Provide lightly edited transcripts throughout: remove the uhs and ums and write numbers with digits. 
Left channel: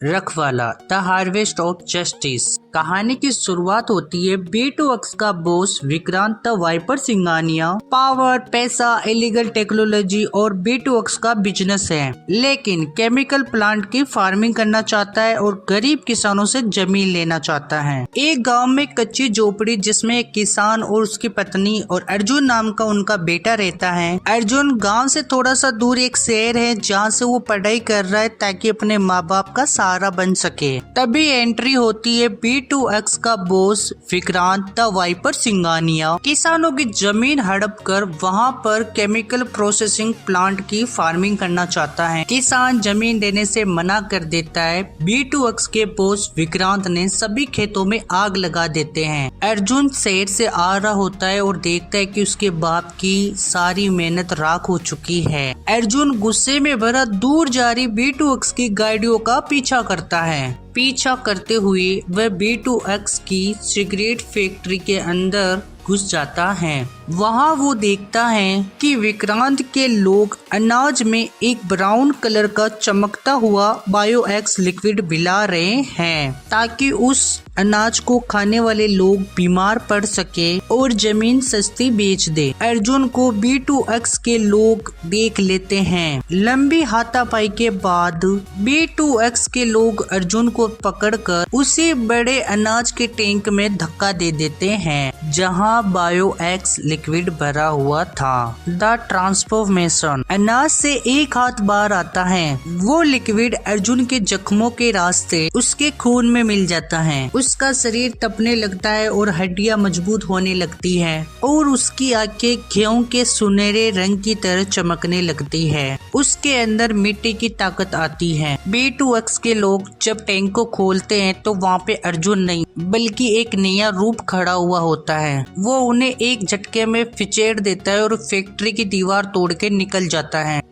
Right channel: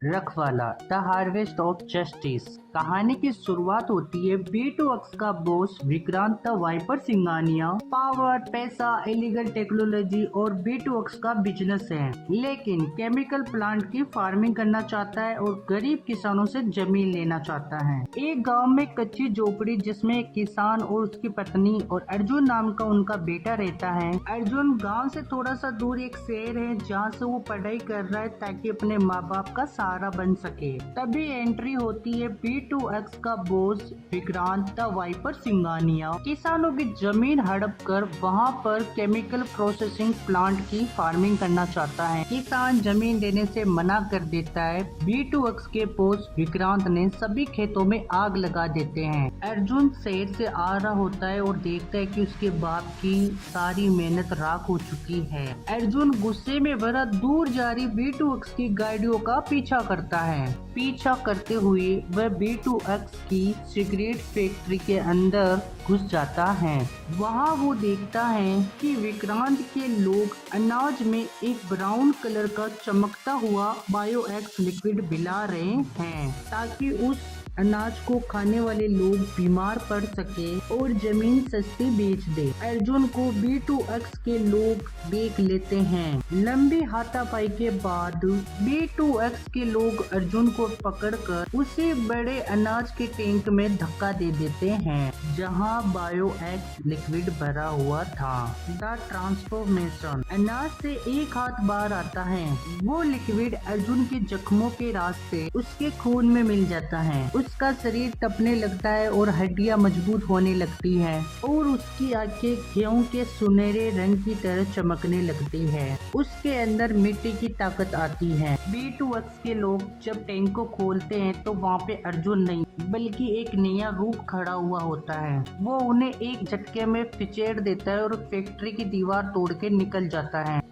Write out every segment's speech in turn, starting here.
रखवाला the harvest of justice. कहानी की शुरुआत होती है B2X का boss Vikrant the viper Singhania पावर, पैसा, इलीगल टेक्नोलॉजी और B2X का बिजनेस है, लेकिन केमिकल प्लांट की फार्मिंग करना चाहता है और गरीब किसानों से जमीन लेना चाहता है। एक गांव में कच्ची झोपड़ी जिसमें एक किसान और उसकी पत्नी और अर्जुन नाम का उनका बेटा रहता है। अर्जुन गाँव से थोड़ा सा दूर एक शहर है जहाँ से वो पढ़ाई कर रहा है ताकि अपने माँ बाप का सहारा बन सके। तभी एंट्री होती है B2X का boss Vikrant the viper Singhania किसानों की जमीन हड़प कर वहाँ पर केमिकल प्रोसेसिंग प्लांट की फार्मिंग करना चाहता है। किसान जमीन देने से मना कर देता है। B2X के बॉस विक्रांत ने सभी खेतों में आग लगा देते हैं। अर्जुन शहर से आ रहा होता है और देखता है कि उसके बाप की सारी मेहनत राख हो चुकी है। अर्जुन गुस्से में भरा दूर जा रही B2X की गाड़ियों का पीछा करता है। पीछा करते हुए वह B2X की सिगरेट फैक्ट्री के अंदर घुस जाता है। वहाँ वो देखता है कि विक्रांत के लोग अनाज में एक ब्राउन कलर का चमकता हुआ बायोएक्स लिक्विड मिला रहे हैं ताकि उस अनाज को खाने वाले लोग बीमार पड़ सके और जमीन सस्ती बेच दे। अर्जुन को B2X के लोग देख लेते हैं। लंबी हाथापाई के बाद B2X के लोग अर्जुन को पकड़कर उसी बड़े अनाज के टैंक में धक्का दे देते हैं जहां बायोएक्स लिक्विड भरा हुआ था। The transformation. अनाज से एक हाथ बाहर आता है। वो लिक्विड अर्जुन के जख्मों के रास्ते उसके खून में मिल जाता है। उसका शरीर तपने लगता है और हड्डियां मजबूत होने लगती है और उसकी आंखें गेहूं के सुनहरे रंग की तरह चमकने लगती है। उसके अंदर मिट्टी की ताकत आती है। B2X के लोग जब टैंक को खोलते हैं तो वहाँ पे अर्जुन नहीं बल्कि एक नया रूप खड़ा हुआ होता है। वो उन्हें एक झटके में फिचेड़ देता है और फैक्ट्री की दीवार तोड़ के निकल जाता है।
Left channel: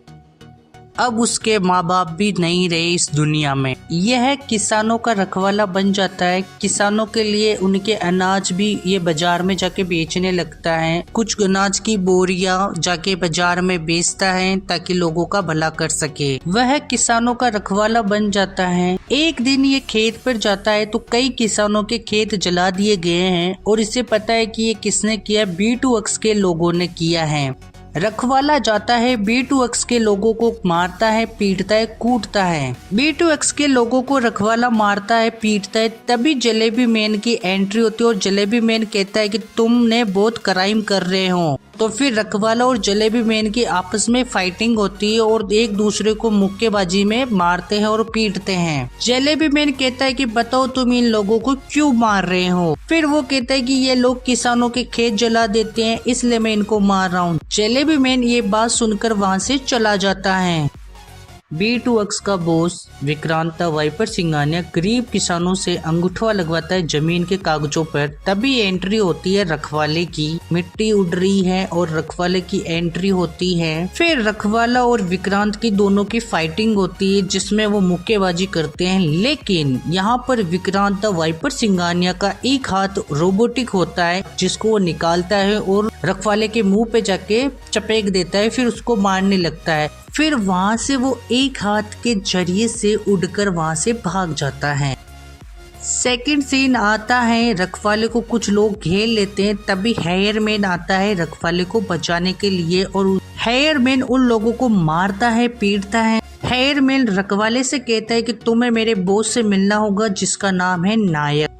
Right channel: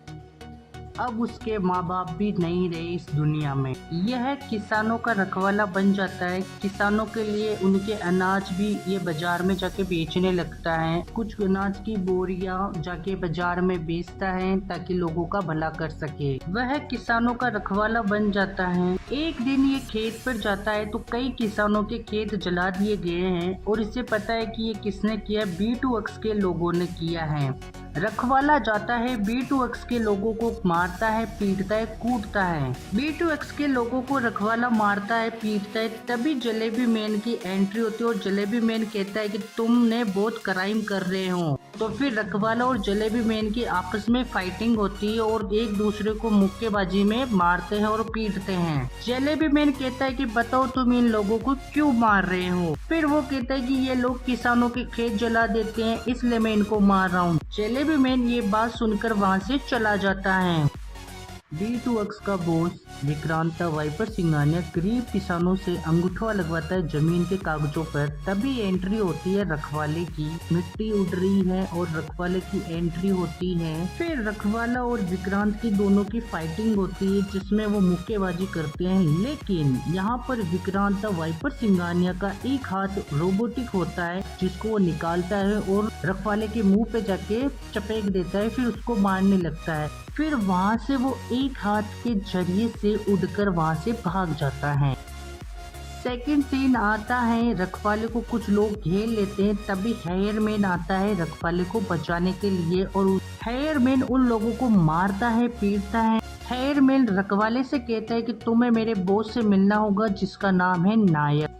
अब उसके माँ बाप भी नहीं रहे इस दुनिया में। यह किसानों का रखवाला बन जाता है। किसानों के लिए उनके अनाज भी ये बाजार में जाके बेचने लगता है। कुछ अनाज की बोरियां जाके बाजार में बेचता है ताकि लोगों का भला कर सके। वह किसानों का रखवाला बन जाता है। एक दिन ये खेत पर जाता है तो कई किसानों के खेत जला दिए गए हैं और इसे पता है कि ये किसने किया। B2X के लोगों ने किया है। रखवाला जाता है, B2X के लोगों को मारता है, पीटता है, कूटता है। B2X के लोगों को रखवाला मारता है, पीटता है। तभी जलेबी मैन की एंट्री होती है और जलेबी मैन कहता है कि तुमने बहुत क्राइम कर रहे हो। तो फिर रखवाला और जलेबी मैन की आपस में फाइटिंग होती है और एक दूसरे को मुक्केबाजी में मारते हैं और पीटते हैं। जलेबी मैन कहता है कि बताओ तुम इन लोगों को क्यों मार रहे हो। फिर वो कहता है कि ये लोग किसानों के खेत जला देते हैं इसलिए मैं इनको मार रहा हूँ। जलेबी मैन ये बात सुनकर वहाँ से चला जाता है। B2X का boss Vikrant the viper Singhania गरीब किसानों से अंगूठा लगवाता है जमीन के कागजों पर। तभी एंट्री होती है रखवाले की। मिट्टी उड़ रही है और रखवाले की एंट्री होती है। फिर रखवाला और विक्रांत की दोनों की फाइटिंग होती है जिसमें वो मुक्केबाजी करते हैं, लेकिन यहाँ पर विक्रांत द वाइपर सिंघानिया का एक हाथ रोबोटिक होता है जिसको वो निकालता है और रखवाले के मुंह पे जाके चपेक देता है। फिर उसको मारने लगता है। फिर वहाँ से वो एक हाथ के जरिए से उड़कर वहाँ से भाग जाता है। सेकंड सीन आता है, रखवाले को कुछ लोग घेर लेते हैं। तभी हेयरमैन आता है रखवाले को बचाने के लिए और हेयरमैन उन लोगों को मारता है, पीटता है। हेयरमैन रखवाले से कहता है कि तुम्हें मेरे बॉस से मिलना होगा जिसका नाम है नायक।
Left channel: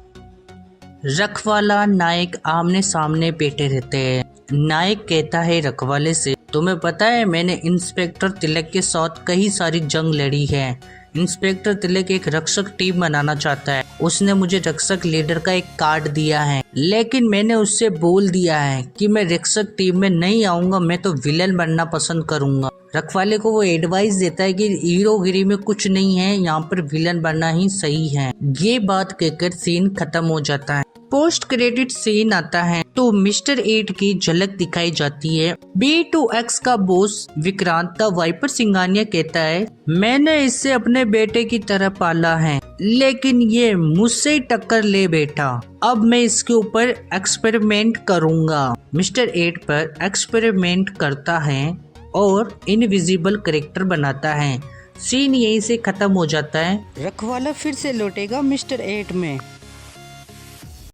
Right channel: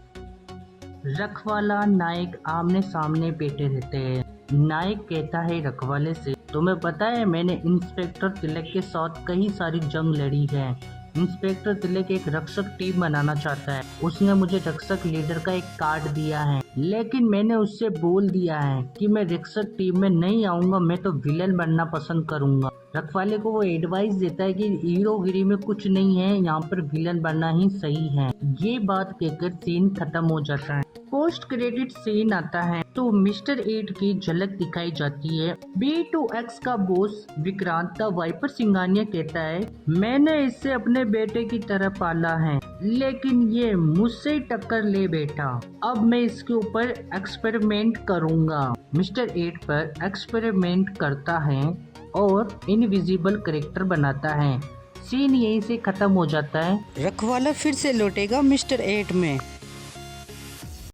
रखवाला नायक आमने सामने बैठे रहते हैं। नायक कहता है रखवाले से, तुम्हें पता है मैंने इंस्पेक्टर तिलक के साथ कई सारी जंग लड़ी है। इंस्पेक्टर तिलक एक रक्षक टीम बनाना चाहता है। उसने मुझे रक्षक लीडर का एक कार्ड दिया है, लेकिन मैंने उससे बोल दिया है कि मैं रक्षक टीम में नहीं आऊंगा, मैं तो विलन बनना पसंद करूंगा। रखवाले को वो एडवाइस देता है कि हीरोगिरी में कुछ नहीं है, यहाँ पर विलन बनना ही सही है। ये बात कहकर सीन खत्म हो जाता है। पोस्ट क्रेडिट सीन आता है तो मिस्टर 8 की झलक दिखाई जाती है। B2X का boss Vikrant the viper Singhania कहता है, मैंने इसे अपने बेटे की तरह पाला है, लेकिन ये मुझसे टक्कर ले बैठा। अब मैं इसके ऊपर एक्सपेरिमेंट करूंगा। मिस्टर 8 पर एक्सपेरिमेंट करता है और इनविजिबल कैरेक्टर बनाता है सीन यहीं से खत्म हो जाता है। रखवाला फिर से लौटेगा मिस्टर 8 में।